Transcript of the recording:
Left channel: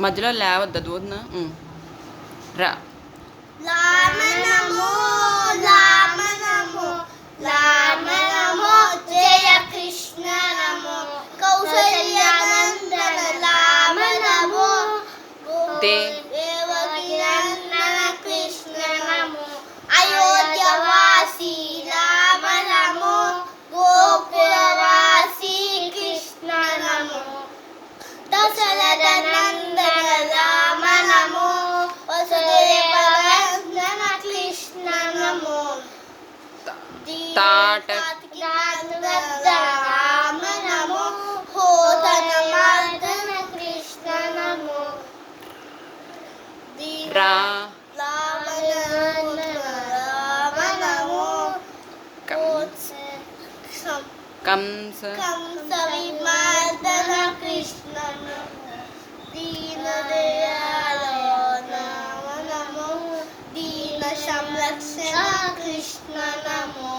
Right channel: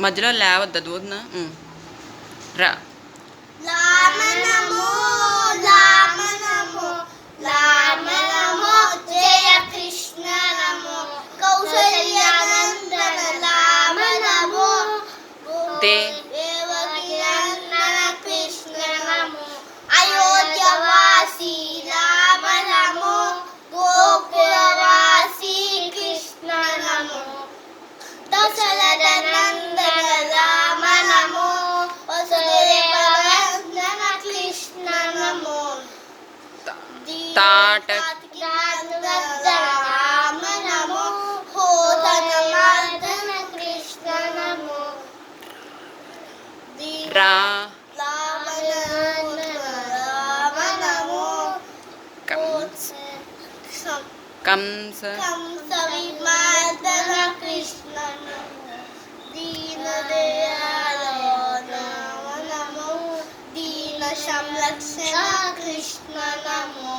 మధ్యలో లేవద్దు దూదన రా రామ నమో రామ నమో రామ నమో జయ కృష్ణ నమో కౌసల్యానందన రామ నమో దేవకి నందన కృష్ణ నమో అయోధ్యవాసి రామ నమో గోకులవాసి కృష్ణ నమో దశరథ నందన రామ నమో వసుదేవనందన కృష్ణ నమో రామ నమో హోదనమర్దన కృష్ణ నమో రామ నమో కంస విమర్దన కృష్ణ నమో దీనదయాళ రామ నమో దీన సంరక్షణ కృష్ణ నమో